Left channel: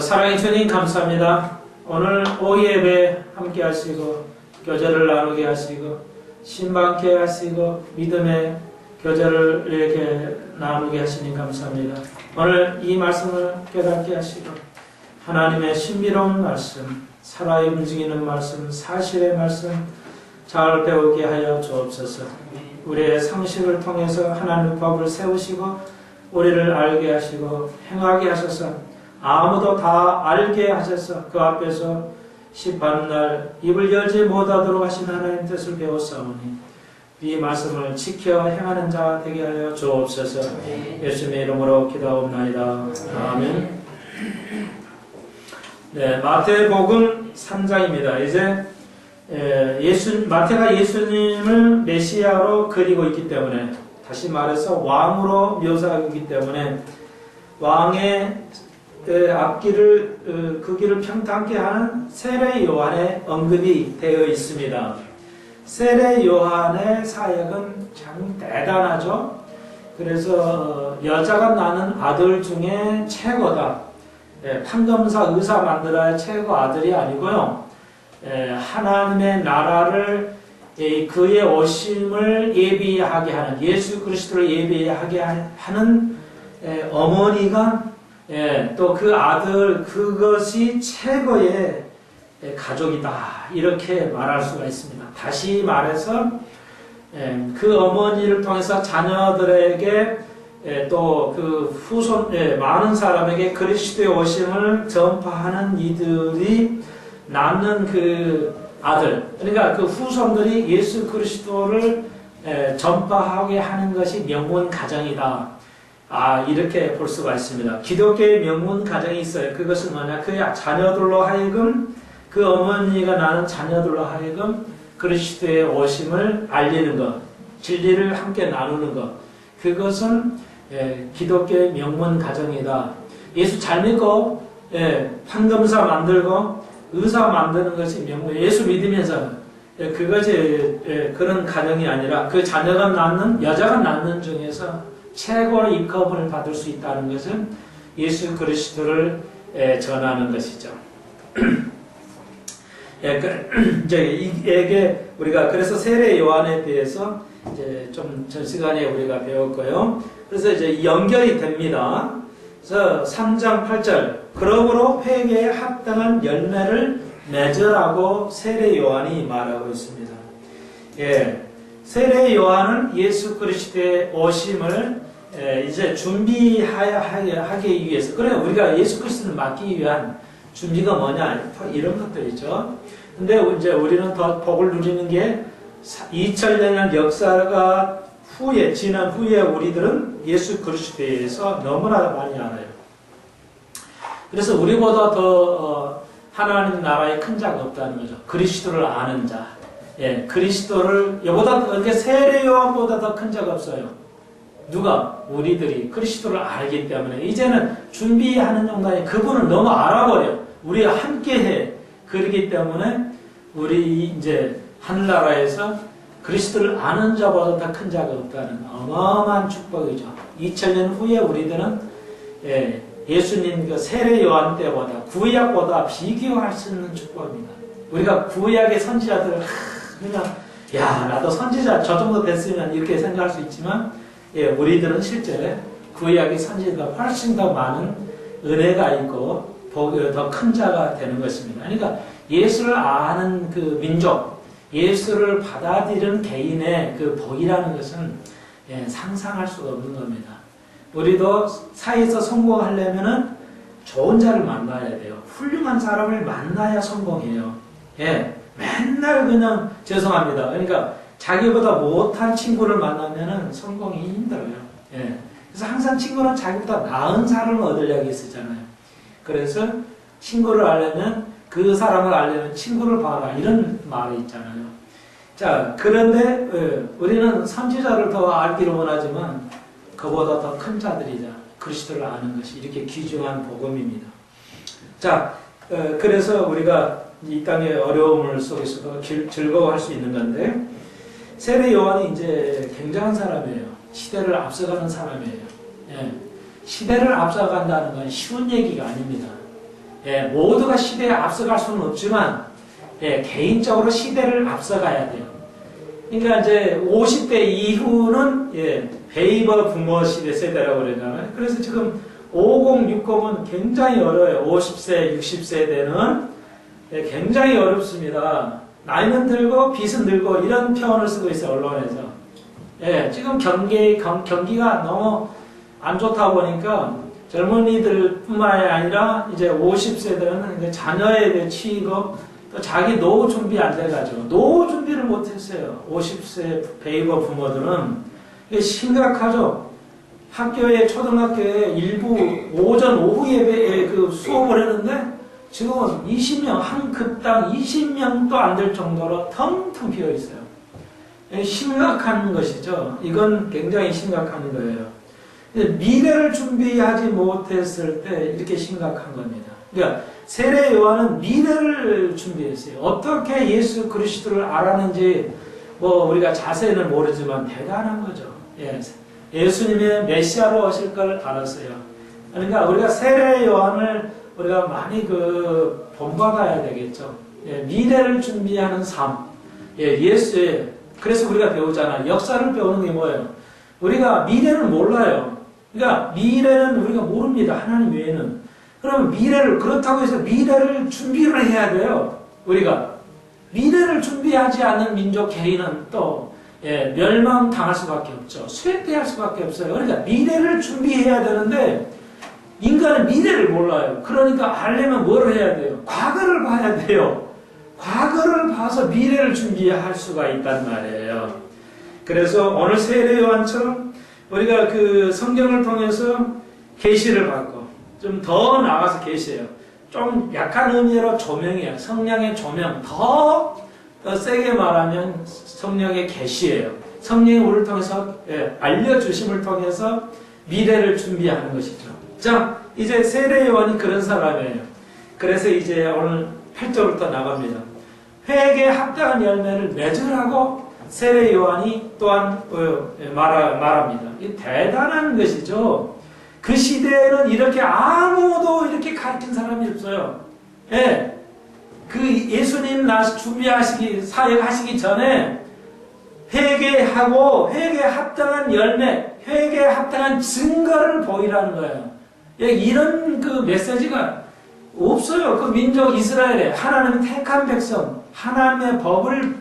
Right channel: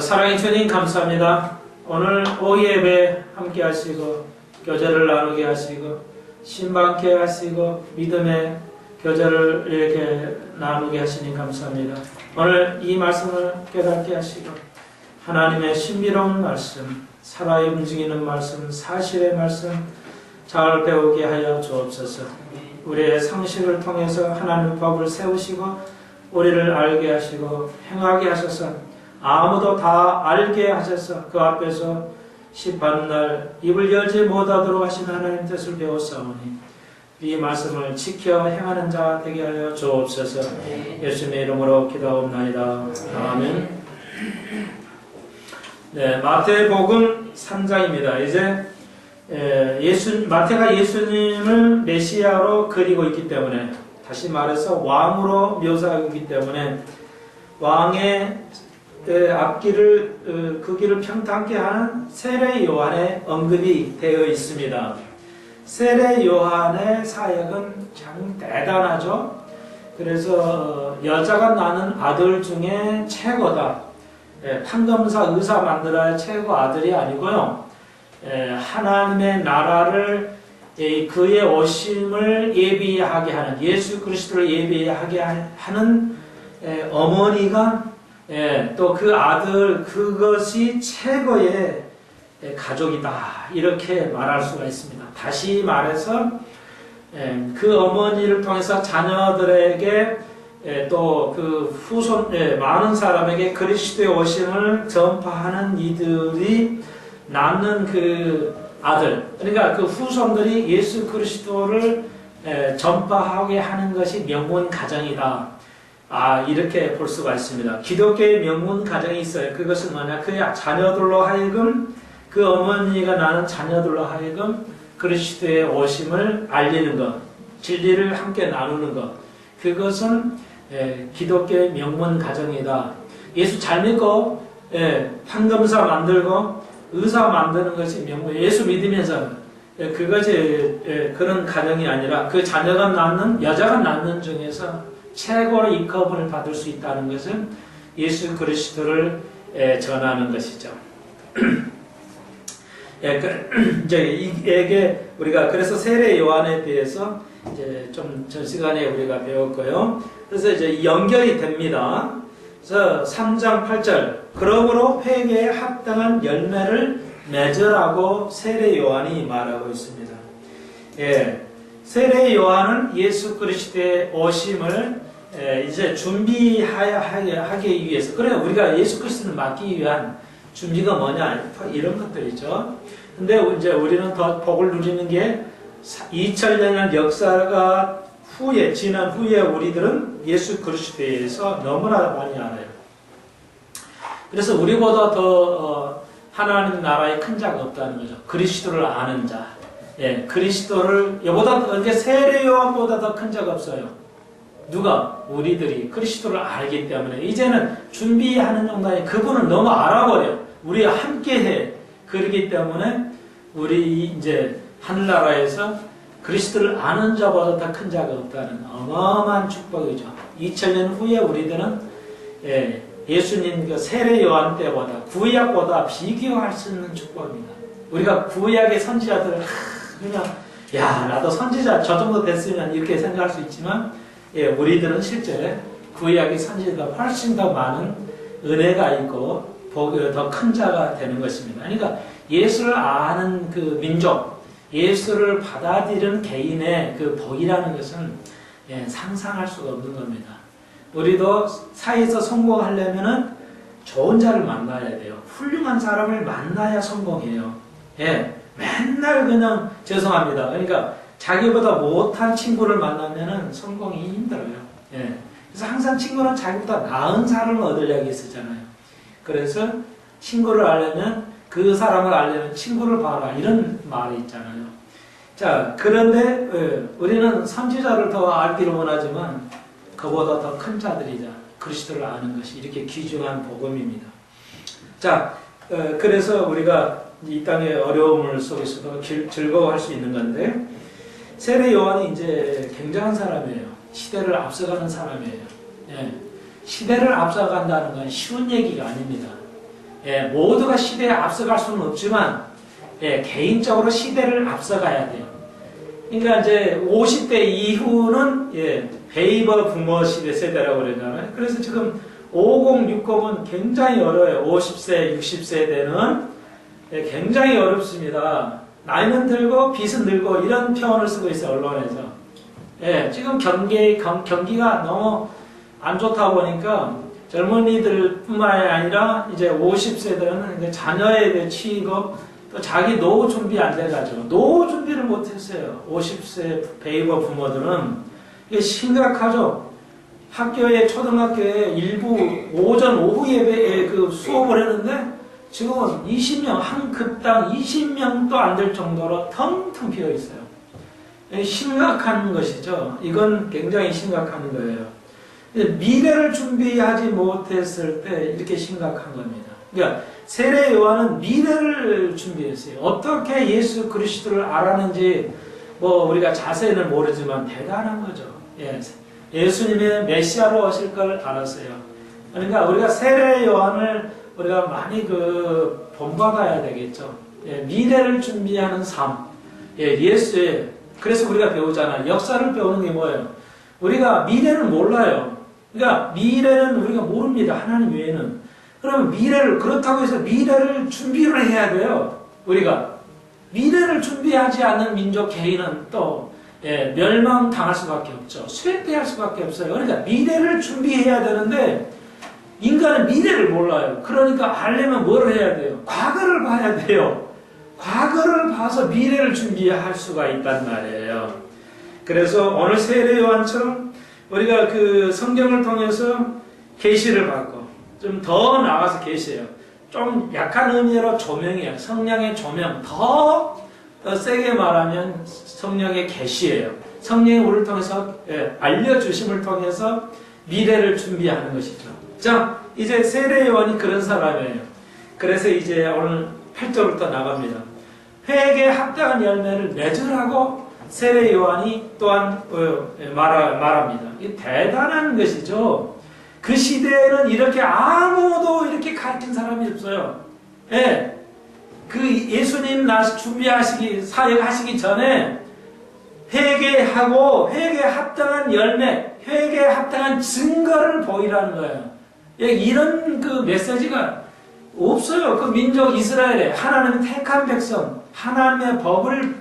사랑의 주님 감사합니다. 오늘 오후 예배 함께 하시고 교제를 나누게 하시고 신방케 하시고 믿음의 교제를 이렇게 나누게 하시니 감사합니다. 오늘 이 말씀을 깨닫게 하시고 하나님의 신비로운 말씀, 살아 움직이는 말씀, 사실의 말씀 잘 배우게 하여 주옵소서. 우리의 상식을 통해서 하나님의 법을 세우시고 우리를 알게 하시고 행하게 하셔서 아무도 다 알게 하셔서 그 앞에서 심판의 날 입을 열지 못하도록 하신 하나님 뜻을 배웠사오니 이 말씀을 지켜 행하는 자 되게 하여 주옵소서. 예수님의 이름으로 기도하옵나이다. 아멘. 네, 마태복음 3장입니다. 이제 마태가 예수님을 메시아로 그리고 있기 때문에, 다시 말해서 왕으로 묘사하고 있기 때문에 왕의 앞길을 그 길을 평탄케 하는 세례 요한의 언급이 되어 있습니다. 세례 요한의 사역은 참 대단하죠. 그래서 여자가 낳는 아들 중에 최고다. 판검사 의사 만들어야 최고 아들이 아니고요. 하나님의 나라를 그의 오심을 예비하게 하는, 예수 그리스도를 예비하게 하는 어머니가 또 그 아들, 그것이 최고의 가족이다, 이렇게 말할 수가 있습니다. 다시 말해서 그 어머니를 통해서 자녀들에게 또 그 후손, 많은 사람에게 그리스도의 오심을 전파하는 이들이 낳는 그 아들, 그러니까 그 후손들이 예수 그리스도를 전파하게 하는 것이 명문 가정이다. 이렇게 볼 수가 있습니다. 기독교의 명문 가정이 있어요. 그것은 뭐냐? 그 자녀들로 하여금, 그 어머니가 낳은 자녀들로 하여금 그리스도의 오심을 알리는 것, 진리를 함께 나누는 것, 그것은 기독교의 명문 가정이다. 예수 잘 믿고 판검사 만들고 의사 만드는 것이 명문, 예수 믿으면서 그것이 그런 가정이 아니라 그 자녀가 낳는, 여자가 낳는 중에서 최고로 인권을 받을 수 있다는 것은 예수 그리스도를 전하는 것이죠. 이게 우리가 그래서 세례 요한에 대해서 이제 좀 전 시간에 우리가 배웠고요. 그래서 이제 연결이 됩니다. 그래서 3장 8절, 그러므로 회개에 합당한 열매를 맺으라고 세례 요한이 말하고 있습니다. 세례 요한은 예수 그리스도의 오심을 이제 준비하기 위해서, 그래 우리가 예수 그리스도를 맞기 위한 준비가 뭐냐, 이런 것들이죠. 근데 이제 우리는 더 복을 누리는 게 2000년 역사가 지난 후에 우리들은 예수 그리스도에 대해서 너무나 많이 알아요. 그래서 우리보다 더 하나님 나라에 큰 자가 없다는 거죠. 그리스도를 아는 자. 그리스도를, 이게 세례 요한보다 더 큰 자가 없어요. 누가? 우리들이 그리스도를 알기 때문에 이제는 준비하는 정도에 그분을 너무 알아버려. 우리와 함께해. 그렇기 때문에 우리 이제 하늘나라에서 그리스도를 아는 자보다 더 큰 자가 없다는 어마어마한 축복이죠. 2000년 후에 우리들은 예수님 그 세례 요한 때보다, 구약보다 비교할 수 있는 축복입니다. 우리가 구약의 선지자들을 그냥 나도 선지자 저 정도 됐으면 이렇게 생각할 수 있지만, 우리들은 실제 구약의 선지자가 훨씬 더 많은 은혜가 있고 더 큰 자가 되는 것입니다. 그러니까 예수를 아는 그 민족, 예수를 받아들이는 개인의 그 복이라는 것은 상상할 수가 없는 겁니다. 우리도 사회에서 성공하려면은 좋은 자를 만나야 돼요. 훌륭한 사람을 만나야 성공해요. 맨날 그냥 죄송합니다. 그러니까 자기보다 못한 친구를 만나면은 성공이 힘들어요. 그래서 항상 친구는 자기보다 나은 사람을 얻으려고 쓰잖아요. 그래서 친구를 알려면, 그 사람을 알려면 친구를 봐라, 이런 말이 있잖아요. 자, 그런데 우리는 선지자를 더 알기를 원하지만 그보다 더 큰 자들이자 그리스도를 아는 것이 이렇게 귀중한 복음입니다. 자, 그래서 우리가 이 땅의 어려움을 속에서도 즐거워할 수 있는 건데, 세례 요한이 이제 굉장한 사람이에요. 시대를 앞서가는 사람이에요. 시대를 앞서간다는 건 쉬운 얘기가 아닙니다. 예, 모두가 시대에 앞서갈 수는 없지만 예, 개인적으로 시대를 앞서가야 돼요. 그러니까 이제 50대 이후는 예, 베이버 부머 시대 세대라고 그러잖아요. 그래서 지금 50, 60은 굉장히 어려워요. 50세, 60세대는 예, 굉장히 어렵습니다. 나이는 들고 빚은 들고 이런 표현을 쓰고 있어요. 언론에서. 예, 지금 경기가 너무 안 좋다 보니까 젊은이들 뿐만이 아니라 이제 50세대는 이제 자녀에 대한 취급, 또 자기 노후 준비 안 돼가지고 노후 준비를 못했어요. 50세 베이버 부모들은. 이게 심각하죠. 학교에, 초등학교에 일부 오전, 오후 예배에 그 수업을 했는데 지금은 20명, 한 급당 20명도 안 될 정도로 텅텅 비어 있어요. 심각한 것이죠. 이건 굉장히 심각한 거예요. 미래를 준비하지 못했을 때 이렇게 심각한 겁니다. 그러니까 세례 요한은 미래를 준비했어요. 어떻게 예수 그리스도를 알았는지 뭐 우리가 자세히는 모르지만 대단한 거죠. 예. 예수님의 메시아로 오실 걸 알았어요. 그러니까 우리가 세례 요한을 우리가 많이 본받아야 되겠죠. 예. 미래를 준비하는 삶. 예. 예수의 그래서 우리가 배우잖아. 역사를 배우는 게 뭐예요? 우리가 미래는 몰라요. 그러니까 미래는 우리가 모릅니다. 하나님 외에는. 그러면 그렇다고 해서 미래를 준비를 해야 돼요. 우리가. 미래를 준비하지 않는 민족 개인은 또, 예, 멸망당할 수밖에 없죠. 쇠퇴할 수밖에 없어요. 그러니까 미래를 준비해야 되는데, 인간은 미래를 몰라요. 그러니까 알려면 뭘 해야 돼요? 과거를 봐야 돼요. 과거를 봐서 미래를 준비할 수가 있단 말이에요. 그래서 오늘 세례 요한처럼 우리가 그 성경을 통해서 계시를 받고 좀 더 나아가서 계시예요. 좀 약한 의미로 조명이에요. 성령의 조명. 더 세게 말하면 성령의 계시예요. 성령이 우리를 통해서 알려주심을 통해서 미래를 준비하는 것이죠. 자, 이제 세례 요한이 그런 사람이에요. 그래서 이제 오늘 8절부터 나갑니다. 회개에 합당한 열매를 맺으라고 세례 요한이 또한 말합니다. 이 대단한 것이죠. 그 시대에는 이렇게 아무도 이렇게 가르친 사람이 없어요. 예. 그 예수님 사역하시기 전에 회개하고 회개에 합당한 열매, 회개에 합당한 증거를 보이라는 거예요. 예, 이런 그 메시지가 없어요. 그 민족 이스라엘에 하나님의 택한 백성, 하나님의 법을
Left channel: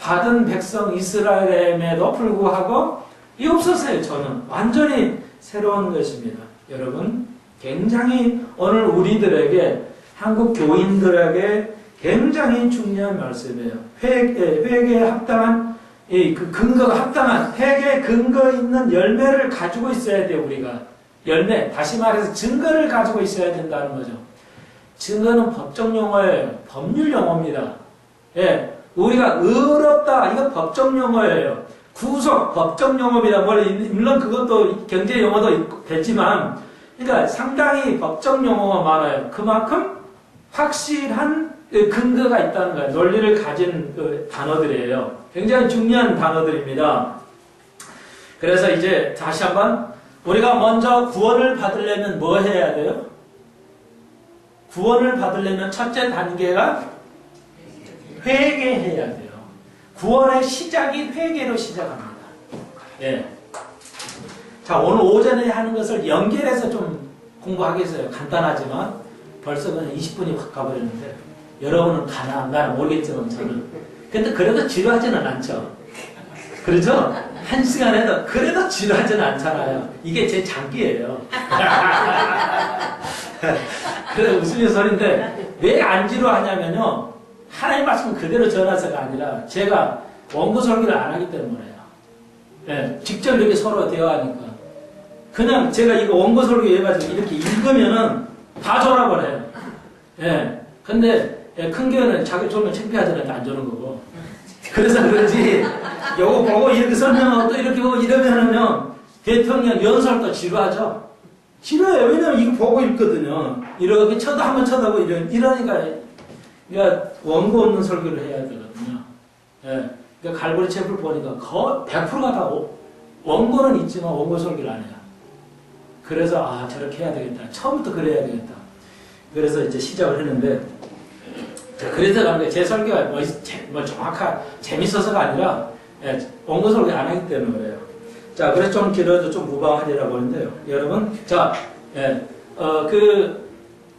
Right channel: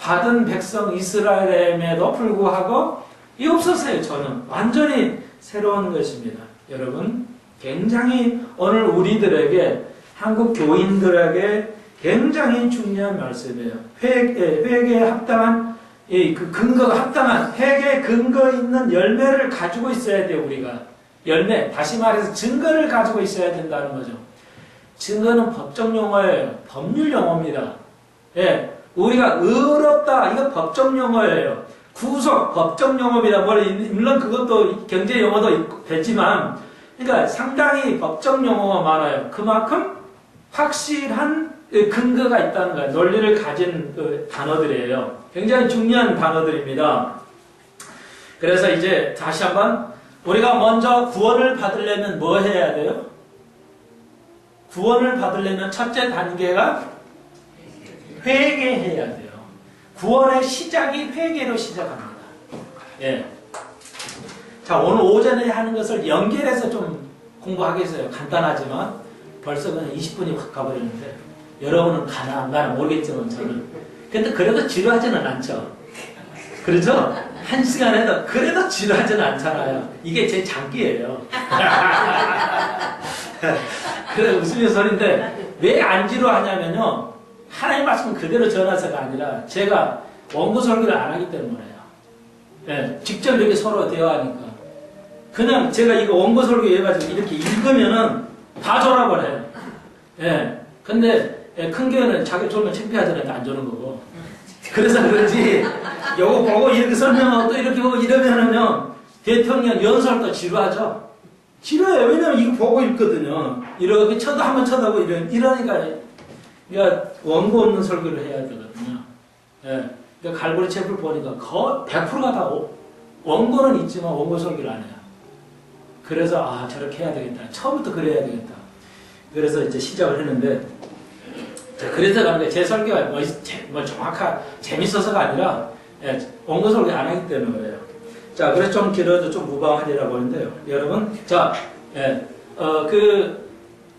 받은 백성 이스라엘임에도 불구하고 이 없었어요. 저는 완전히 새로운 것입니다. 여러분, 굉장히 오늘 우리들에게, 한국 교인들에게 굉장히 중요한 말씀이에요. 회개에 합당한 그 근거가 합당한 회개에 근거 있는 열매를 가지고 있어야 돼요. 우리가 열매, 다시 말해서 증거를 가지고 있어야 된다는 거죠. 증거는 법적 용어예요. 법률 용어입니다. 예, 우리가 의롭다, 이거 법적 용어예요. 구속, 법적 용어입니다. 물론 그것도 경제 용어도 되지만, 그러니까 상당히 법적 용어가 많아요. 그만큼 확실한 근거가 있다는 거예요. 논리를 가진 그 단어들이에요. 굉장히 중요한 단어들입니다. 그래서 이제 다시 한번 우리가 먼저 구원을 받으려면 뭐 해야 돼요? 구원을 받으려면 첫째 단계가 회개해야 돼요. 구원의 시작이 회개로 시작합니다. 예. 자, 오늘 오전에 하는 것을 연결해서 좀 공부하겠어요. 간단하지만 벌써 그냥 20분이 확 가버렸는데 여러분은 가나 안 가나 모르겠지만 저는. 근데 그래도 지루하지는 않죠. 그렇죠? 한 시간 해도 그래도 지루하지는 않잖아요. 이게 제 장기예요. 그래 웃으면 소리인데 왜 안 지루하냐면요. 하나님 말씀 그대로 전하서가 아니라 제가 원고 설교를 안 하기 때문에요. 예, 직접 이렇게 서로 대화하니까. 그냥 제가 이거 원고 설교 해가지고 이렇게 읽으면은 다 졸아버려요. 예. 근데 큰 교회는 자기 졸면 창피하잖아요. 안 조는 거고. 그래서 그런지 요거 보고 이렇게 설명하고 또 이렇게 보고 이러면은요. 대통령 연설도 지루하죠. 지루해요. 왜냐면 이거 보고 읽거든요. 이렇게 한번 쳐다보고 이러니까 그러니까 원고 없는 설교를 해야 되거든요. 예. 그러니까 갈보리 챕을 보니까 100%가 다 원고는 있지만 원고 설교를 안 해요. 그래서 저렇게 해야 되겠다. 처음부터 그래야 되겠다. 그래서 이제 시작을 했는데, 그래서 가는 거예요. 제 설교가 재밌어서가 아니라, 원고 설교 안 하기 때문에 그래요. 자, 그래서 좀 길어도 좀 무방하리라고 하는데요. 여러분, 자,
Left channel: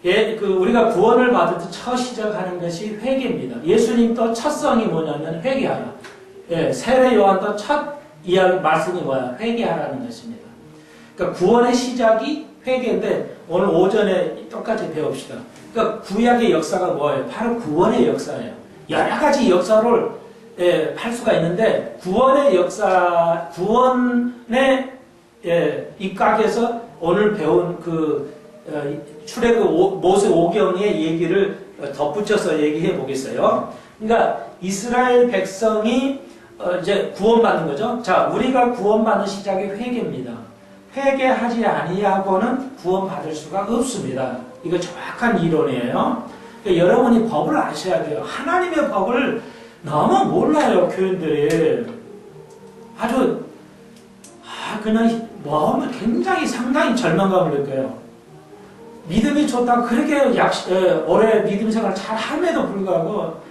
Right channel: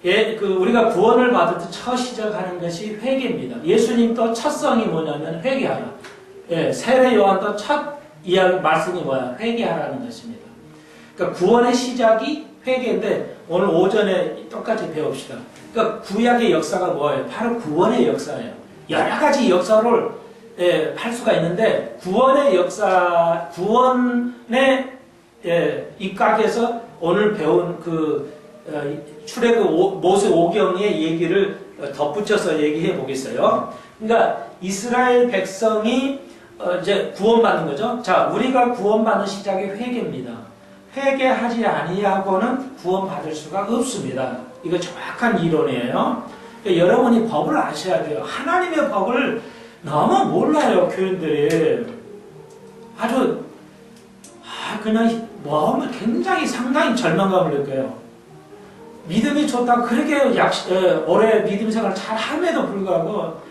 우리가 구원을 받을 때 첫 시작하는 것이 회개입니다. 예수님도 첫 성이 뭐냐면 회개하라. 세례 요한도 첫 이야기 말씀이 뭐야? 회개하라는 것입니다. 그러니까 구원의 시작이 회개인데 오늘 오전에 똑같이 배웁시다. 그러니까 구약의 역사가 뭐예요? 바로 구원의 역사예요. 여러 가지 역사를 할 수가 있는데 구원의 역사, 구원의 입각에서 오늘 배운 출애굽 모세 오경의 얘기를 덧붙여서 얘기해 보겠어요. 그러니까 이스라엘 백성이 이제 구원받는 거죠. 자, 우리가 구원받는 시작이 회개입니다. 회개하지 아니하고는 구원받을 수가 없습니다. 이거 정확한 이론이에요. 그러니까 여러분이 법을 아셔야 돼요. 하나님의 법을 너무 몰라요, 교인들이. 아주 그냥 굉장히 상당히 절망감을 느껴요. 믿음이 좋다고 그렇게 오래 믿음 생활을 잘 함에도 불구하고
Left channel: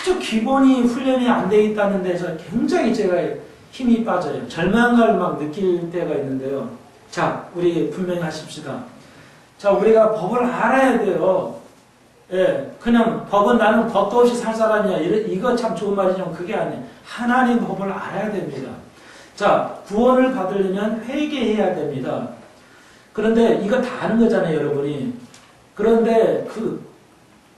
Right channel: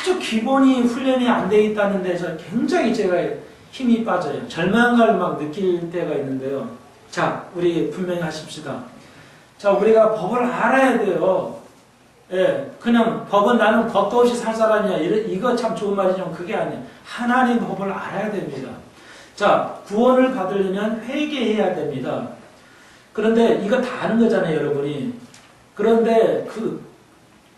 아주 기본이 훈련이 안 돼 있다는 데서 굉장히 제가 힘이 빠져요. 절망감을 막 느낄 때가 있는데요. 자, 우리 분명히 하십시다. 자, 우리가 법을 알아야 돼요. 그냥 법은 나는 법도 없이 살 사람이야. 이거 참 좋은 말이지만 그게 아니에요. 하나님 법을 알아야 됩니다. 자, 구원을 받으려면 회개해야 됩니다. 그런데 이거 다 아는 거잖아요, 여러분이. 그런데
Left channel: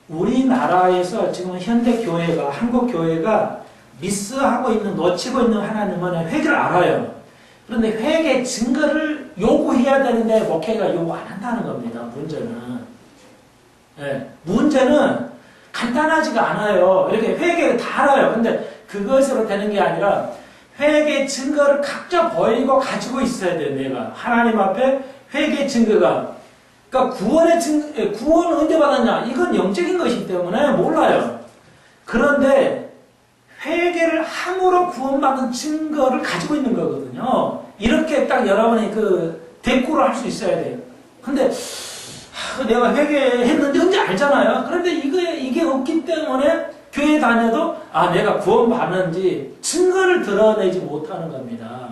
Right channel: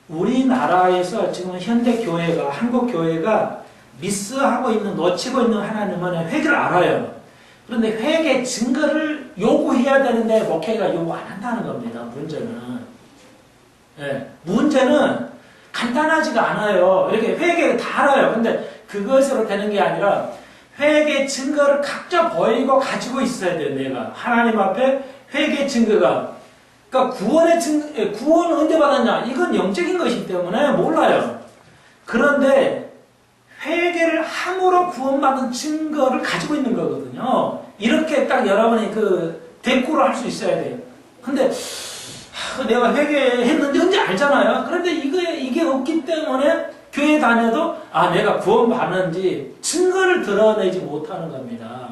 우리나라에서 지금 현대 교회가, 한국 교회가 미스하고 있는, 놓치고 있는 하나님은 회개를 알아요. 그런데 회개 증거를 요구해야 되는데 목회가 요구 안 한다는 겁니다, 문제는. 문제는 간단하지가 않아요. 이렇게 회개를 다 알아요. 근데 그것으로 되는 게 아니라 회개 증거를 각자 보이고 가지고 있어야 돼요, 내가. 하나님 앞에 회개 증거가. 그러니까 구원은 언제 받았냐? 이건 영적인 것이기 때문에 몰라요. 그런데 회개를 함으로 구원받은 증거를 가지고 있는 거거든요. 이렇게 딱 여러분이 대꾸를 할 수 있어야 돼요. 근데 내가 회개했는데 언제 알잖아요. 그런데 이게 없기 때문에 교회 다녀도 내가 구원받는지 증거를 드러내지 못하는 겁니다.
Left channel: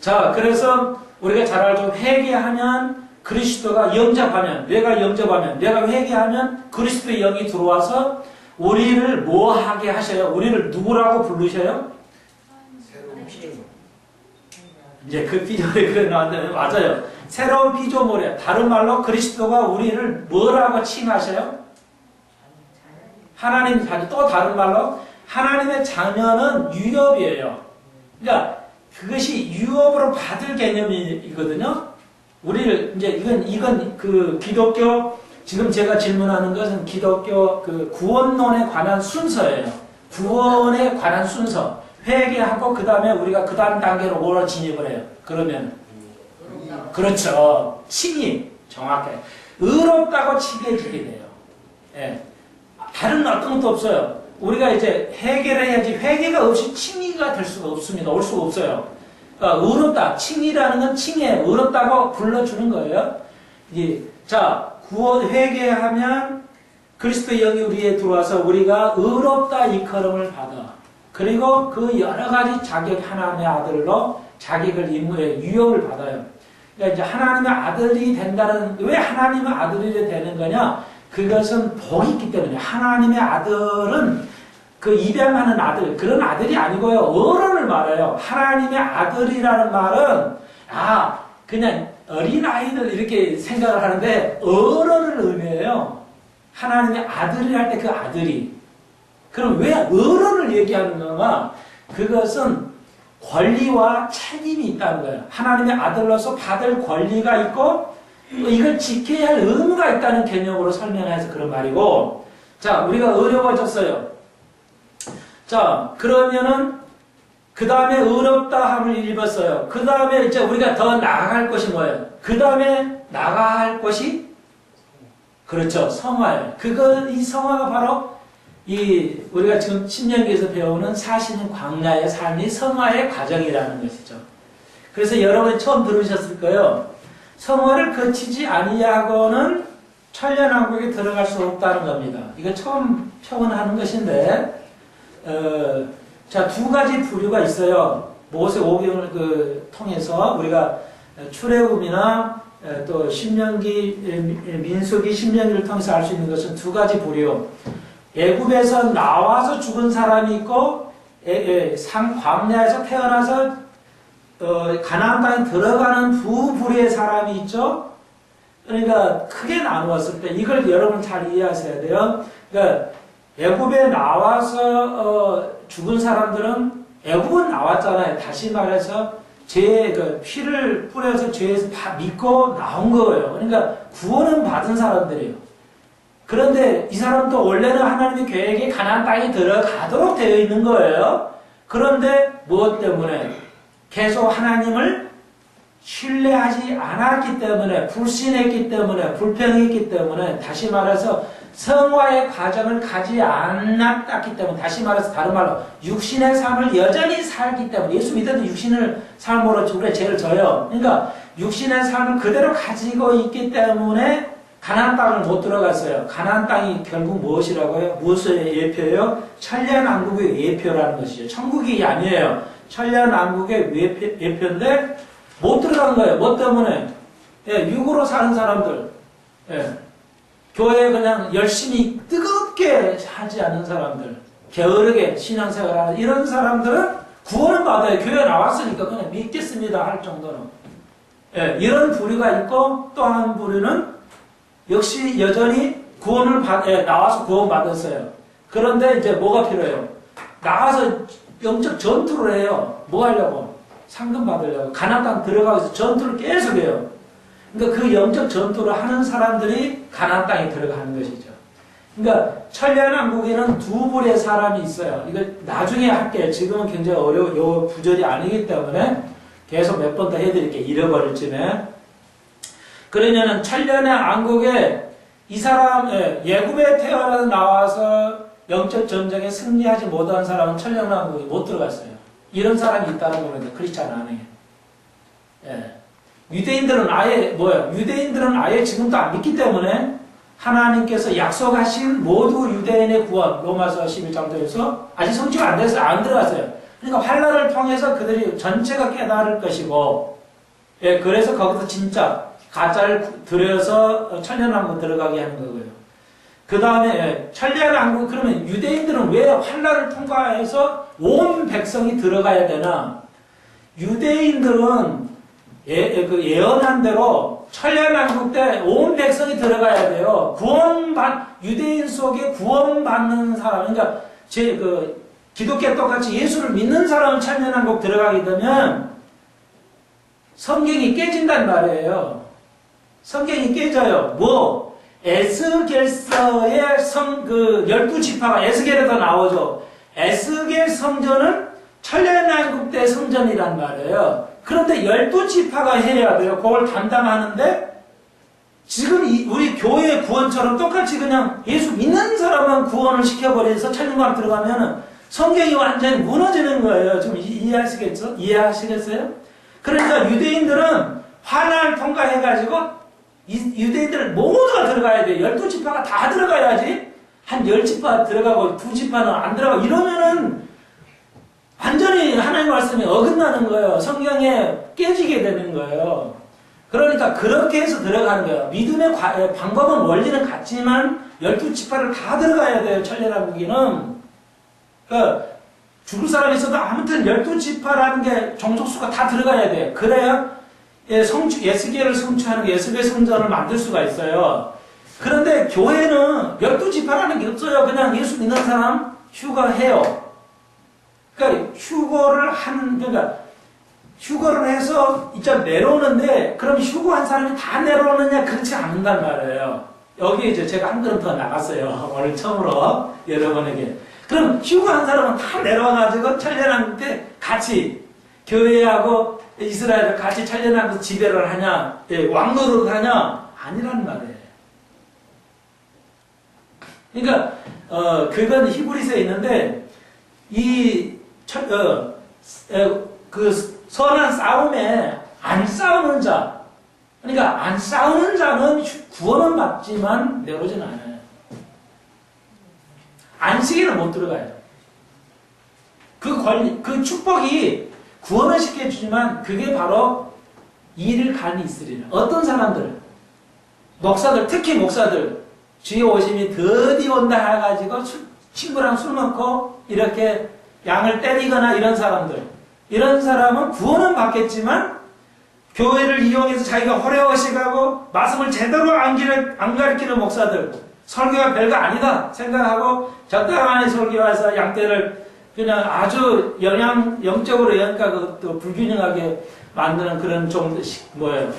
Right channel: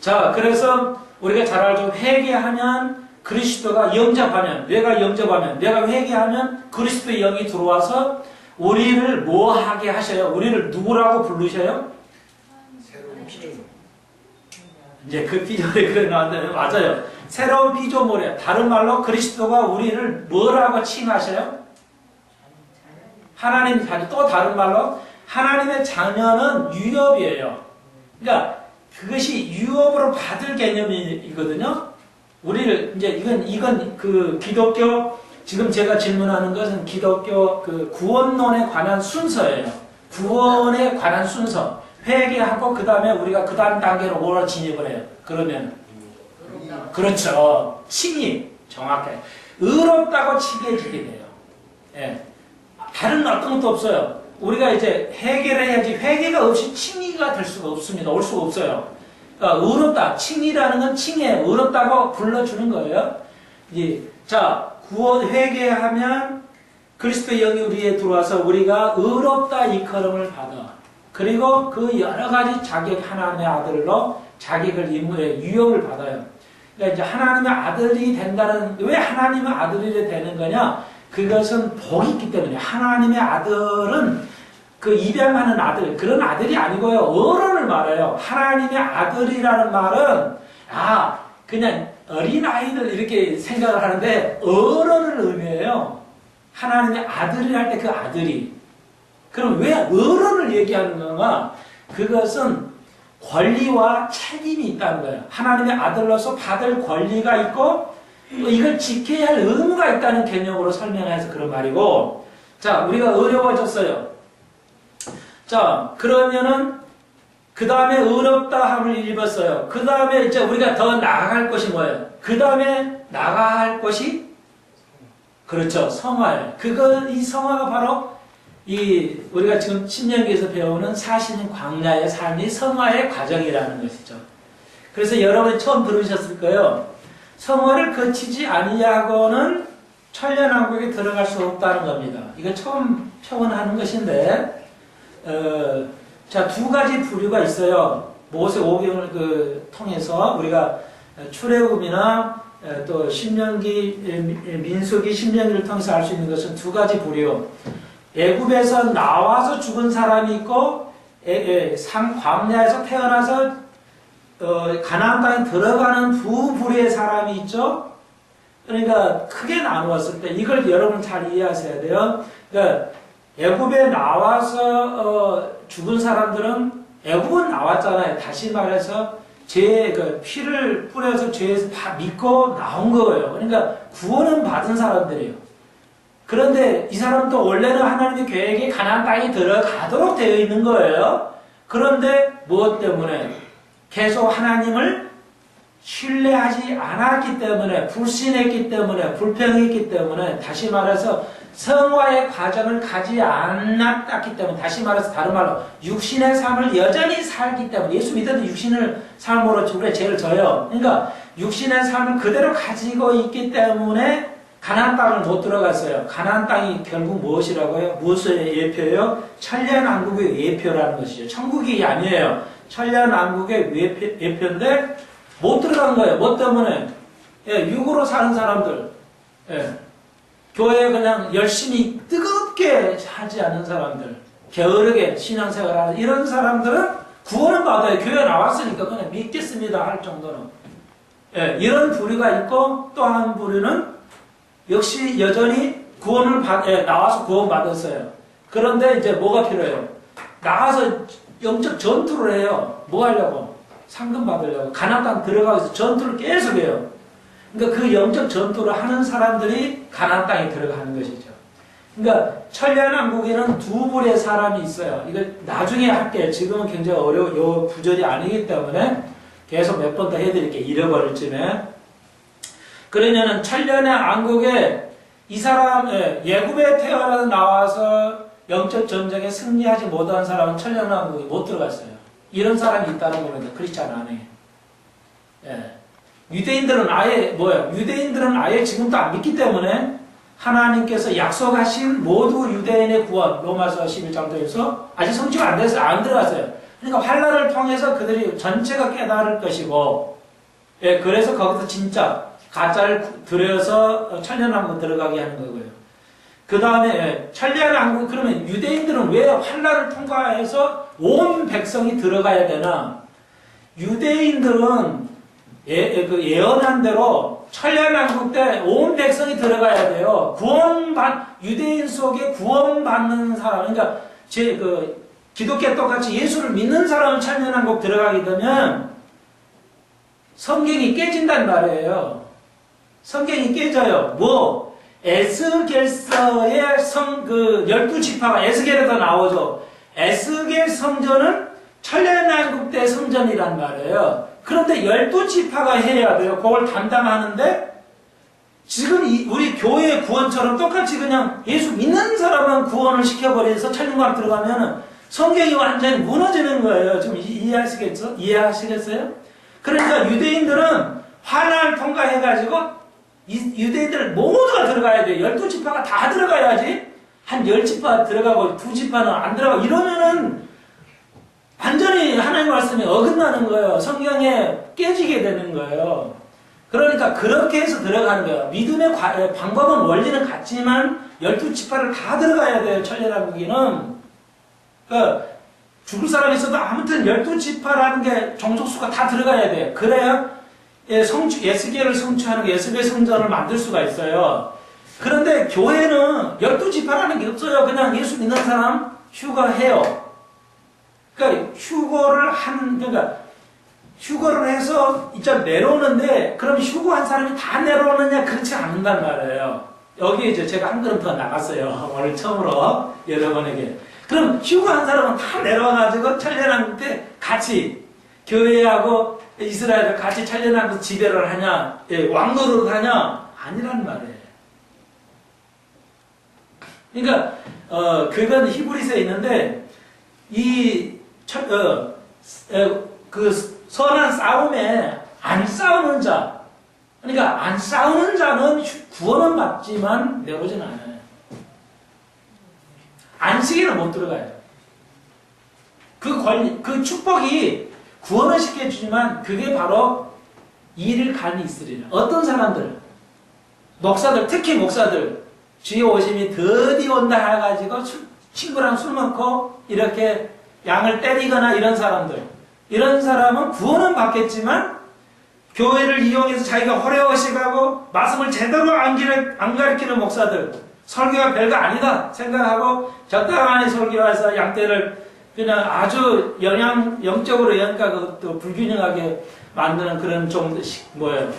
자, 그래서 우리가 잘 알죠. 회개하면 그리스도가 영접하면, 내가 영접하면, 내가 회개하면 그리스도의 영이 들어와서 우리를 뭐 하게 하셔요? 우리를 누구라고 부르셔요? 새로운 피조물. 이제 그 피조물이 그래 나왔는데 맞아요. 새로운 피조물이에요. 다른 말로 그리스도가 우리를 뭐라고 칭하셔요? 하나님 자녀. 또 다른 말로 하나님의 자녀는 유업이에요. 그러니까 그것이 유업으로 받을 개념이거든요. 우리를 이제 이건 기독교, 지금 제가 질문하는 것은 기독교 구원론에 관한 순서예요. 구원에 관한 순서. 회개하고 그 다음에 우리가 그 다음 단계로 뭐로 진입을 해요? 그러면 그렇죠. 칭의. 정확해. 의롭다고 칭해지게 돼요. 다른 어떤 것도 없어요. 우리가 이제 회개를 해야지 회개가 없이 칭의가 될 수가 없습니다. 올 수가 없어요. 그러니까 의롭다. 칭의라는 건 칭해. 의롭다고 불러주는 거예요. 자, 구원 회개하면 그리스도의 영이 우리에 들어와서 우리가 의롭다 이컬음을 받아. 그리고 그 여러 가지 자격, 하나님의 아들로 자격을 유업을 받아요. 그러니까 이제 하나님의 아들이 된다는, 왜 하나님의 아들이 되는 거냐? 그것은 복이 있기 때문에. 하나님의 아들은 입양하는 아들, 그런 아들이 아니고요. 어른을 말해요. 하나님의 아들이라는 말은, 그냥 어린아이들 이렇게 생각을 하는데, 어른을 의미해요. 하나님의 아들이 할 때 그 아들이. 그럼 왜 어른을 얘기하는 건가? 그것은 권리와 책임이 있다는 거예요. 하나님의 아들로서 받을 권리가 있고, 이걸 지켜야 할 의무가 있다는 개념으로 설명해서 그런 말이고, 자, 우리가 어려워졌어요. 자, 그러면은, 그 다음에 의롭다함을 입었어요. 그 다음에 이제 우리가 더 나아갈 것이 뭐예요? 그 다음에 나아갈 것이? 그렇죠. 성화예요. 이 성화가 바로 우리가 지금 신명기에서 배우는 사신 광야의 삶이 성화의 과정이라는 것이죠. 그래서 여러분이 처음 들으셨을 거예요. 성화를 거치지 아니하고는 천년왕국에 들어갈 수 없다는 겁니다. 이거 처음 표현하는 것인데, 자, 두 가지 부류가 있어요. 모세 오경을 통해서 우리가 출애굽이나 또 신명기, 민수기, 신명기를 통해서 알 수 있는 것은 두 가지 부류. 애굽에서 나와서 죽은 사람이 있고, 광야에서 태어나서 가나안 땅에 들어가는 두 부류의 사람이 있죠. 그러니까 크게 나누었을 때 이걸 여러분 잘 이해하셔야 돼요. 그러니까 애굽에 나와서 죽은 사람들은 애굽은 나왔잖아요. 다시 말해서 그 피를 뿌려서 죄에서 다 믿고 나온 거예요. 그러니까 구원은 받은 사람들이에요. 그런데 이 사람도 원래는 하나님의 계획에 가나안 땅에 들어가도록 되어 있는 거예요. 그런데 무엇 때문에? 계속 하나님을 신뢰하지 않았기 때문에, 불신했기 때문에, 불평했기 때문에, 다시 말해서 성화의 과정을 가지 않았기 때문에, 다시 말해서 다른 말로 육신의 삶을 여전히 살기 때문에, 예수 믿어도 육신을 삶으로 우리의 죄를 져요. 그러니까 육신의 삶을 그대로 가지고 있기 때문에 가나안 땅을 못 들어갔어요. 가나안 땅이 결국 무엇이라고요? 무엇의 예표예요? 천년왕국의 예표라는 것이죠. 천국이 아니에요. 천년왕국의 예표인데 못 들어간 거예요. 뭐 때문에? 예, 육으로 사는 사람들, 교회에 그냥 열심히 뜨겁게 하지 않는 사람들, 게으르게 신앙생활하는 이런 사람들은 구원은 받아요. 교회에 나왔으니까 그냥 믿겠습니다 할 정도는. 이런 부류가 있고, 또 한 부류는 역시 여전히 나와서 구원 받았어요. 그런데 이제 뭐가 필요해요? 나가서 영적 전투를 해요. 뭐 하려고? 상금 받으려고. 가나안 땅 들어가서 전투를 계속해요. 그러니까 그 영적 전투를 하는 사람들이 가나안 땅에 들어가는 것이죠. 그러니까 천년왕국에는 두 부류의 사람이 있어요. 이거 나중에 할게요. 지금은 굉장히 요 구절이 아니기 때문에 계속 몇 번 더 해드릴게요. 잃어버릴 쯤에. 그러냐는 천년왕국에 이 사람, 예굽에 태어나서 나와서 영적 전쟁에 승리하지 못한 사람은 천년왕국에 못 들어갔어요. 이런 사람이 있다는 겁니다. 크리스찬 안에. 유대인들은 아예 지금도 안 믿기 때문에 하나님께서 약속하신 모두 유대인의 구원, 로마서 11장도에서 아직 성취가 안 돼서 안 들어갔어요. 그러니까 환란을 통해서 그들이 전체가 깨달을 것이고, 그래서 거기서 진짜 가짜를 들여서 천년왕국 들어가게 하는 거고요. 그 다음에 천년왕국, 그러면 유대인들은 왜 환란을 통과해서 온 백성이 들어가야 되나? 유대인들은 예언한 대로 천년왕국 때 온 백성이 들어가야 돼요. 유대인 속에 구원받는 사람, 그러니까 기독교 똑같이 예수를 믿는 사람은 천년왕국 들어가게 되면 성경이 깨진단 말이에요. 성경이 깨져요. 에스겔서의 12지파가 에스겔에도 나오죠. 에스겔 성전은 천년왕국 때 성전이란 말이에요. 그런데 12지파가 해야 돼요. 그걸 담당하는데 지금 우리 교회의 구원처럼 똑같이 그냥 예수 믿는 사람만 구원을 시켜버려서 천년왕국 들어가면 성경이 완전히 무너지는 거예요. 좀 이해하시겠어요? 그러니까 유대인들은 환난을 통과해가지고 유대인들 모두가 들어가야 돼요. 12지파가 다 들어가야지. 한 10지파 들어가고 2지파는 안 들어가고 이러면은 완전히 하나님의 말씀이 어긋나는 거예요. 성경에 깨지게 되는 거예요. 그러니까 그렇게 해서 들어가는 거예요. 믿음의 방법은 원리는 같지만 12지파를 다 들어가야 돼요. 천년왕국에는. 그러니까 죽을 사람이 있어도 아무튼 12지파라는 게 종족수가 다 들어가야 돼요. 그래야 예스겔을 성취하는 게 예스겔 성전을 만들 수가 있어요. 그런데 교회는 12지파라는 게 없어요. 그냥 예수 믿는 사람 휴거해요. 그러니까 휴거를 해서 이제 내려오는데, 그럼 휴거한 사람이 다 내려오느냐? 그렇지 않는단 말이에요. 여기 이제 제가 한 걸음 더 나갔어요. 오늘 처음으로 여러분에게. 그럼 휴거한 사람은 다 내려와가지고 천년왕국 때 같이 교회하고 이스라엘을 같이 천년왕국 지배를 하냐, 왕노릇을 하냐? 아니란 말이에요. 그러니까 그건 히브리서에 있는데 선한 싸움에 안 싸우는 자, 그러니까 안 싸우는 자는 구원은 받지만 내려오지는 않아요. 안식에는 못 들어가요. 그 권리, 그 축복이 구원을 시켜주지만 그게 바로 이를 간이 있으리라. 어떤 사람들, 목사들, 특히 목사들, 주의 오심이 드디어 온다 해가지고 친구랑 술 먹고 이렇게 양을 때리거나 이런 사람들, 이런 사람은 구원은 받겠지만 교회를 이용해서 자기가 호래호식하고 말씀을 제대로 안 가르치는 목사들, 설교가 별거 아니다 생각하고 적당한 설교해서 양떼를 그냥 아주 영적으로 영과 또 불균형하게 만드는 그런 좀 뭐예요?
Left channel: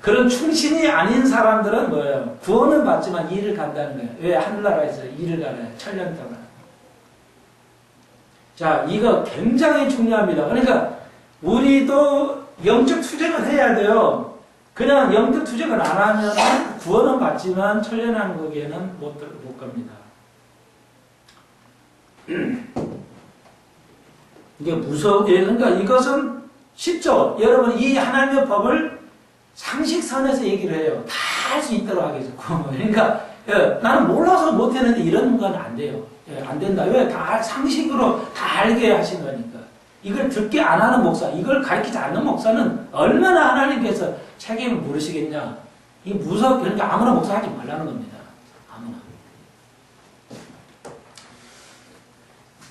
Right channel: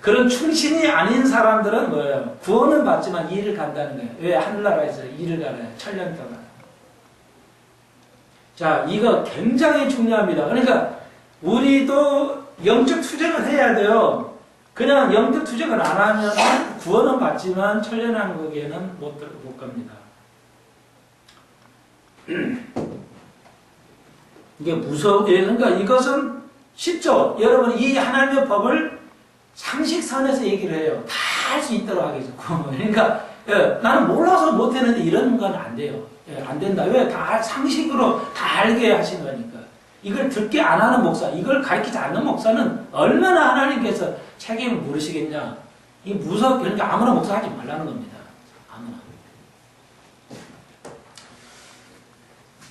그런 충신이 아닌 사람들은 뭐예요? 구원은 받지만 일을 간다는 거예요. 왜? 하늘나라에서 일을 가나요? 천년 동안. 자, 이거 굉장히 중요합니다. 그러니까 우리도 영적 투쟁을 해야 돼요. 그냥 영적 투쟁을 안 하면 구원은 받지만 천년왕국에는 못 갑니다. 이게 그러니까 이것은 쉽죠. 여러분 이 하나님의 법을 상식선에서 얘기를 해요. 다 할 수 있도록 하겠죠. 그러니까 나는 몰라서 못했는데 이런 건 안 돼요. 안 된다. 왜? 다 상식으로 다 알게 하신 거니까. 이걸 듣게 안 하는 목사, 이걸 가르치지 않는 목사는 얼마나 하나님께서 책임을 물으시겠냐. 이 그러니까 아무나 목사하지 말라는 겁니다. 아무나.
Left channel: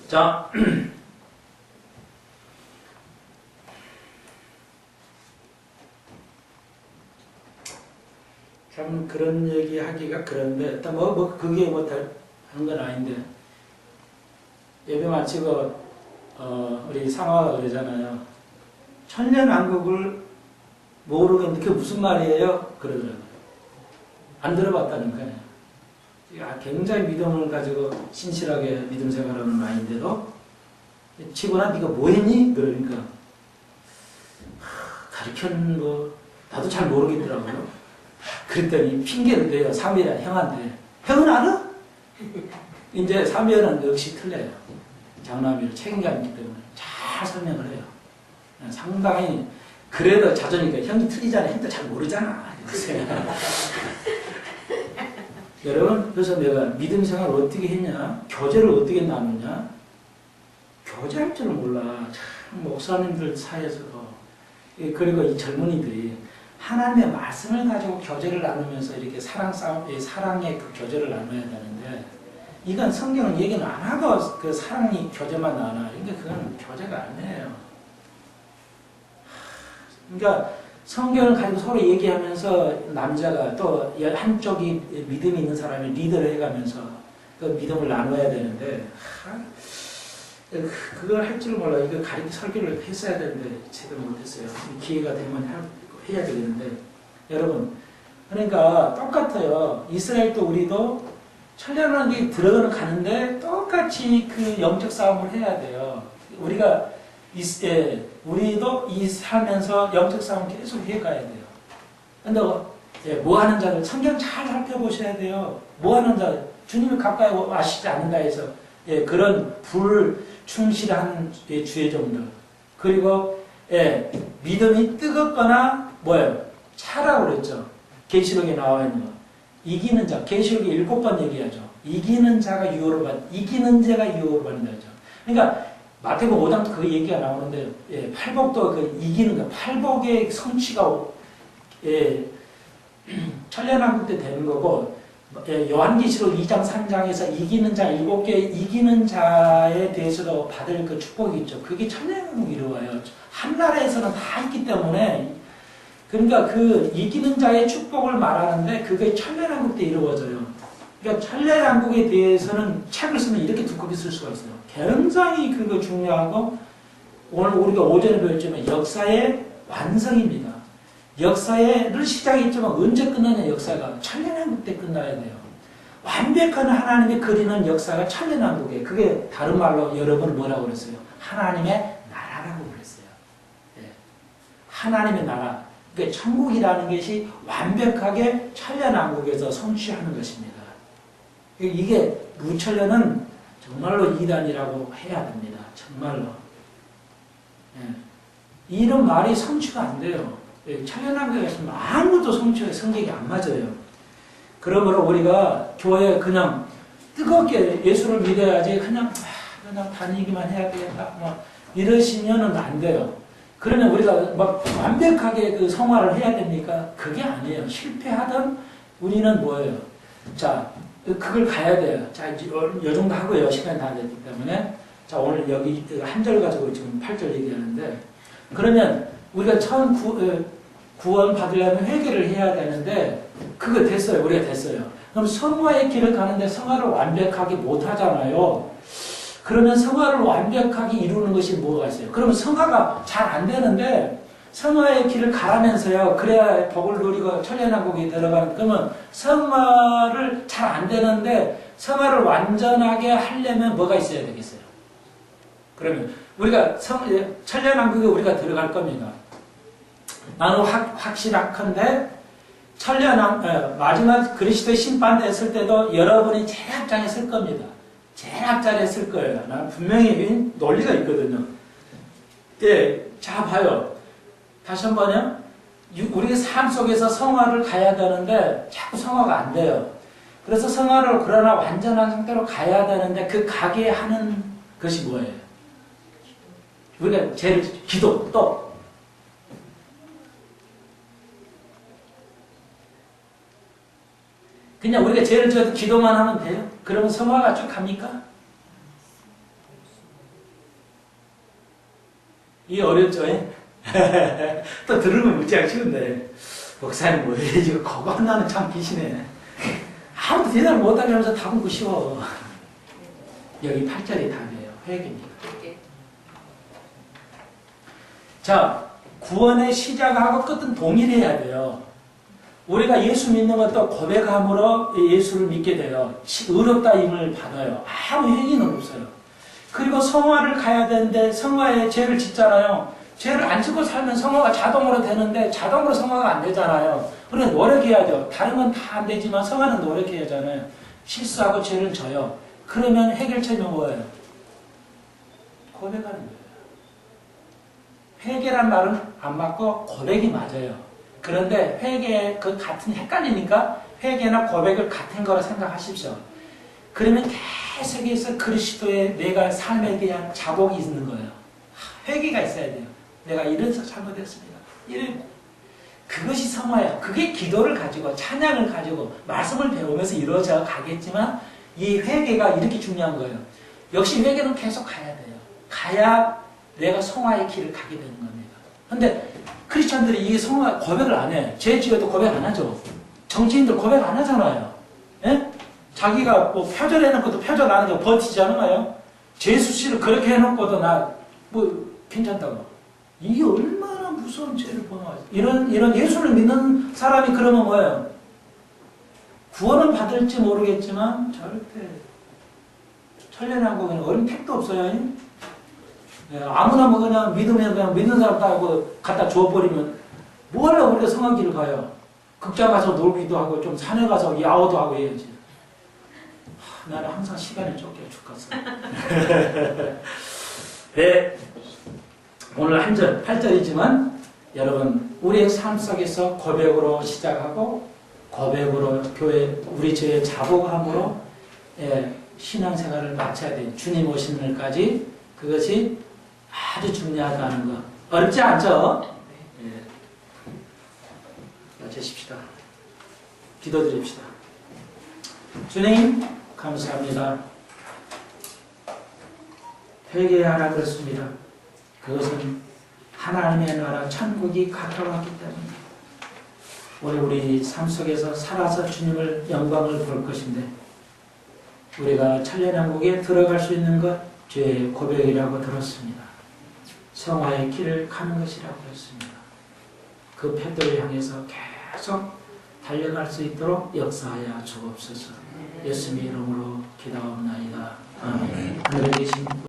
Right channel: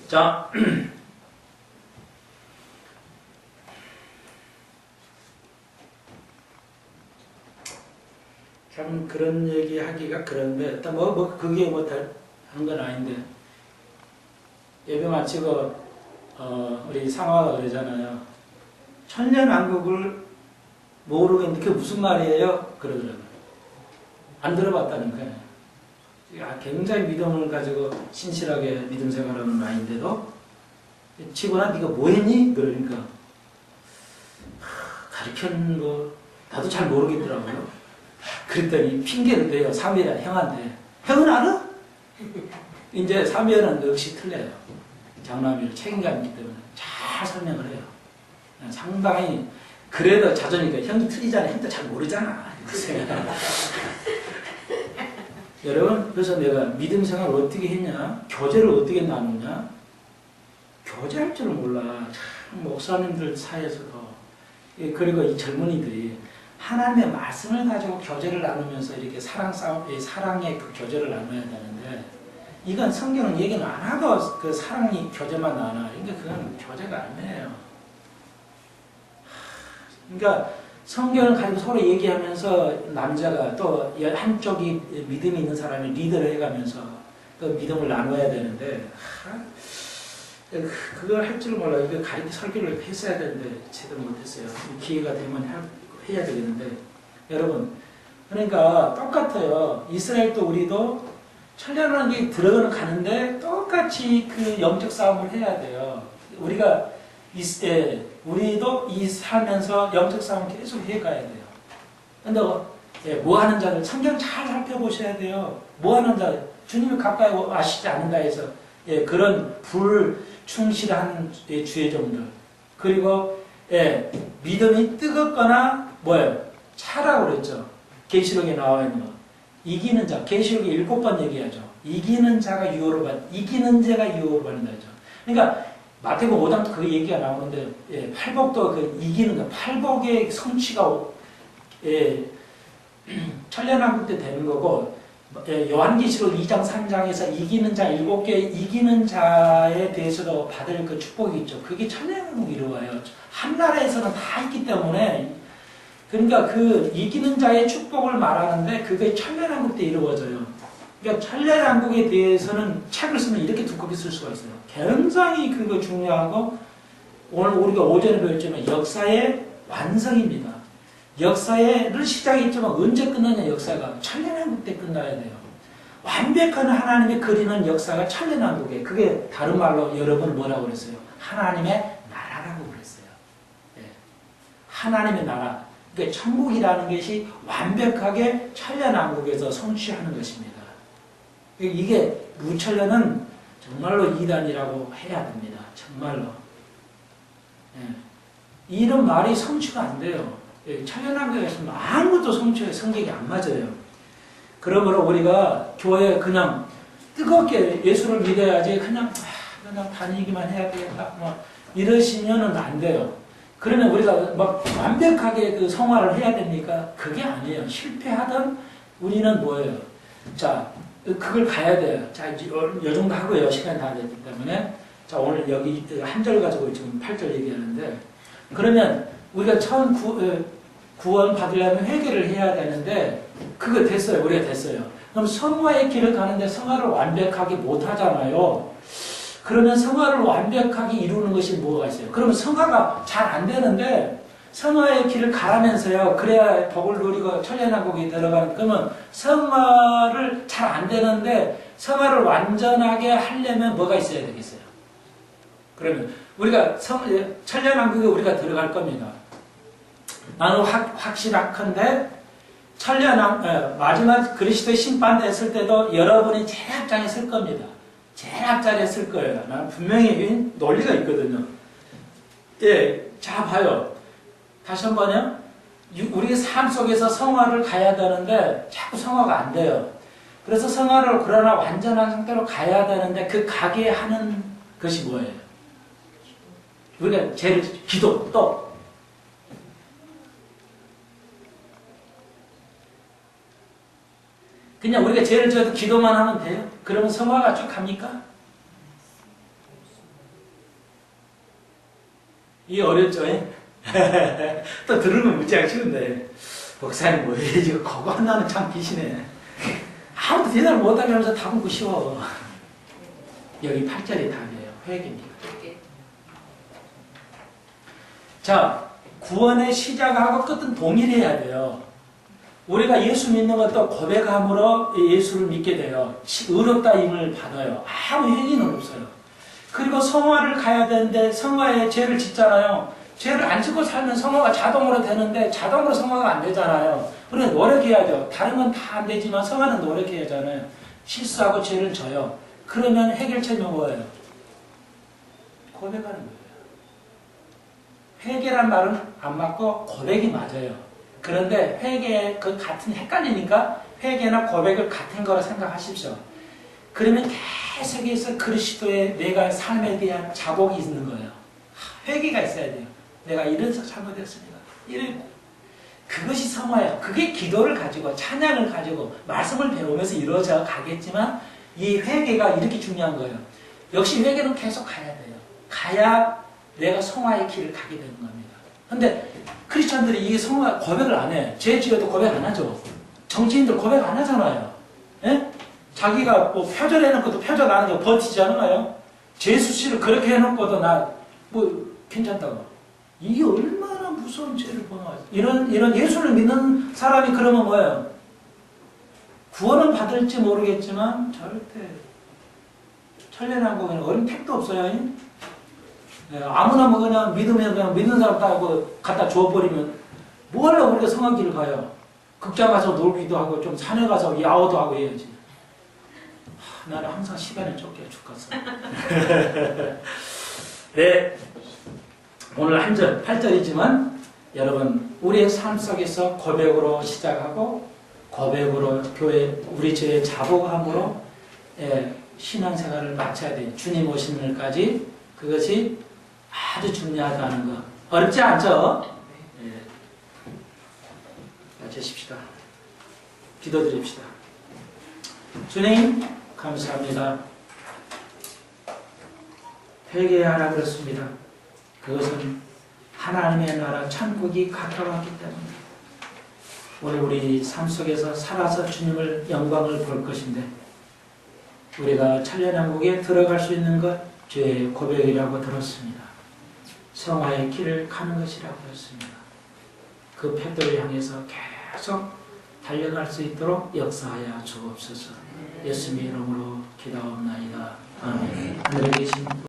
자, 참 그런 얘기 하기가 그런데 일단 그게 하는 건 아닌데 예배 마치고 우리 상화가 그러잖아요. 천년왕국을 모르겠는데 그게 무슨 말이에요? 그러더라고요. 안 들어봤다는 거예요. 굉장히 믿음을 가지고 신실하게 믿음 생활하는 아이인데도 치고나 네가 뭐 했니? 그러니까 가르쳤는 거 나도 잘 모르겠더라고요. 그랬더니 핑계를 대요. 사미라 형한테. 형은 알아? 이제 사미는 역시 틀려요. 장남이로 책임감 있기 때문에 잘 설명을 해요. 상당히 그래도 자존이니까 형이 틀리잖아. 형도 잘 모르잖아. 여러분 그래서 내가 믿음 생활을 어떻게 했냐? 교제를 어떻게 나누냐? 교제할 줄을 몰라. 참 목사님들 사이에서도 그리고 이 젊은이들이 하나님의 말씀을 가지고 교제를 나누면서 이렇게 사랑의 그 교제를 나눠야 되는데 이건 성경은 얘기는 안 하고 그 사랑의 교제만 나눠. 그러니까 그건 교제가 아니에요. 그러니까 성경을 가지고 서로 얘기하면서 남자가 또 한쪽이 믿음이 있는 사람이 리더를 해가면서 그 믿음을 나눠야 되는데 그걸 할 줄 몰라. 이거 설교를 했어야 되는데 제대로 못했어요. 기회가 되면 해야 되겠는데 여러분 그러니까 똑같아요. 이스라엘도 우리도 천년왕국에 가는데 똑같이 그 영적 싸움을 해야 돼요. 우리가 우리도 살면서 영적 싸움 계속 해가야 돼요. 근데 뭐 하는 자를 성경 잘 살펴보셔야 돼요. 뭐 하는 자 주님을 가까이 아시지 않는다 해서 그런 불충실한 주의종들 그리고 믿음이 뜨겁거나 뭐예요? 차라고 그랬죠. 계시록에 나와 있는 거. 이기는 자. 계시록에 7번 얘기하죠. 이기는 자가 유혹을 이기는 자가 유혹을 받는다 하죠. 그러니까 마태복음 5장도 그 얘기가 나오는데 팔복도 그 이기는 거. 팔복의 성취가 천년왕국 때 되는 거고 요한계시록 2장 3장에서 이기는 자 7개 이기는 자에 대해서도 받을 그 축복이 있죠. 그게 천년왕국이 이루어요. 한 나라에서는 다 있기 때문에 그러니까 그 이기는 자의 축복을 말하는데 그게 천년왕국 때 이루어져요. 그러니까 천년왕국에 대해서는 책을 쓰면 이렇게 두껍게 쓸 수가 있어요. 굉장히 그거 중요하고 오늘 우리가 오전에 배웠지만 역사의 완성입니다. 역사를 시작했지만 언제 끝나냐 역사가 천년왕국 때 끝나야 돼요. 완벽한 하나님의 그리는 역사가 천년왕국이에요. 그게 다른 말로 여러분 뭐라고 그랬어요? 하나님의 나라라고 그랬어요. 하나님의 나라. 그러니까 천국이라는 것이 완벽하게 천년왕국에서 성취하는 것입니다. 이게 무천년은 정말로 이단이라고 해야 됩니다. 정말로. 이런 말이 성취가 안 돼요. 천연한교회가 있으면 아무도 성격이 안 맞아요. 그러므로 우리가 교회에 그냥 뜨겁게 예수를 믿어야지 그냥 다니기만 해야 되겠다 이러시면은 안 돼요. 그러면 우리가 막 완벽하게 그 성화를 해야 됩니까? 그게 아니에요. 실패하던 우리는 뭐예요? 자, 그걸 가야 돼요. 자, 요 정도 하고요. 시간이 다 됐기 때문에. 자, 오늘 여기 한 절 가지고 지금 8절 얘기하는데, 그러면 우리가 처음 구원 받으려면 회개를 해야 되는데, 그거 됐어요. 우리가 됐어요. 그럼 성화의 길을 가는데 성화를 완벽하게 못 하잖아요. 그러면 성화를 완벽하게 이루는 것이 뭐가 있어요? 그러면 성화가 잘 안 되는데 성화의 길을 가라면서요. 그래야 복을 누리고 천년왕국에 들어가는. 그러면 성화를 잘 안 되는데 성화를 완전하게 하려면 뭐가 있어야 되겠어요? 그러면 우리가 천년왕국에 우리가 들어갈 겁니다. 나는 확실하건대 마지막 그리스도의 심판대 설 때도 여러분이 제일 앞장에 설 겁니다. 제일 앞자리에 쓸 거예요. 나는 분명히 논리가 있거든요. 예, 자 봐요. 다시 한 번요. 우리의 삶 속에서 성화를 가야 되는데 자꾸 성화가 안 돼요. 그래서 성화를 그러나 완전한 상태로 가야 되는데 그 가게 하는 것이 뭐예요? 우리가 제일 기도 또 그냥 우리가 죄를 지어도 기도만 하면 돼요? 그러면 성화가 쭉 갑니까? 이게 어렵죠? 또 들으면 무지하게 쉬운데 목사님 뭐예요? 지금 그거 하나는 참 기시네. 아무도 대답을 못하게 하면서 답은 그 쉬워. 여기 8절이 답이에요. 회개입니다. 자, 구원의 시작하고 끝은 동일해야 돼요. 우리가 예수 믿는 것도 고백함으로 예수를 믿게 돼요. 의롭다임을 받아요. 아무 행위는 없어요. 그리고 성화를 가야 되는데 성화에 죄를 짓잖아요. 죄를 안 짓고 살면 성화가 자동으로 되는데 자동으로 성화가 안 되잖아요. 우리가 노력해야죠. 다른 건 다 안 되지만 성화는 노력해야 하잖아요. 실수하고 죄를 져요. 그러면 해결책은 뭐예요? 고백하는 거예요. 회개란 말은 안 맞고 고백이 맞아요. 그런데 회개 그 같은 헷갈리니까 회개나 고백을 같은 거라 생각하십시오. 그러면 계속해서 그리스도의 내가 삶에 대한 자복이 있는 거예요. 회개가 있어야 돼요. 내가 이래서 잘못했습니다. 그것이 성화예요. 그게 기도를 가지고 찬양을 가지고 말씀을 배우면서 이루어져 가겠지만 이 회개가 이렇게 중요한 거예요. 역시 회개는 계속 가야 돼요. 가야 내가 성화의 길을 가게 되는 겁니다. 근데 크리스천들이 이 성화 고백을 안 해. 죄 지어도 고백 안 하죠. 정치인들 고백 안 하잖아요. 예? 자기가 뭐 표절 해놓고도 표절 안 하고 버티지 않아요? 죄 수치를 그렇게 해놓고도 나 뭐 괜찮다고. 이게 얼마나 무서운 죄를 범하죠. 이런 예수를 믿는 사람이 그러면 뭐예요? 구원을 받을지 모르겠지만 절대 천년왕국에는 어린 택도 없어요. 예, 아무나 뭐 그냥 믿으면 그냥 믿는 사람 다 갖다 주워버리면 뭐하러 우리가 성황길을 가요? 극장 가서 놀기도 하고 좀 산에 가서 야호도 하고 해야지. 나는 항상 시간이 쫓겨 죽겠어. 네, 오늘 한 절, 8절이지만 여러분 우리의 삶 속에서 고백으로 시작하고 고백으로 교회 우리 죄의 자복함으로 신앙생활을 마쳐야 돼요. 주님 오시는 날까지 그것이 아주 중요하다는 거. 어렵지 않죠? 네. 마치십시다. 기도드립시다. 주님 감사합니다. 회개하라 그렇습니다. 그것은 하나님의 나라 천국이 가까웠기 때문입니다. 오늘 우리 삶 속에서 살아서 주님을 영광을 볼 것인데 우리가 천년왕국에 들어갈 수 있는 것 죄의 고백이라고 들었습니다. 성화의 길을 가는 것이라고 했습니다. 그 팻도를 향해서 계속 달려갈 수 있도록 역사하여 주옵소서. 예수님의 이름으로 기도하옵나이다. 아멘. 하늘에 계신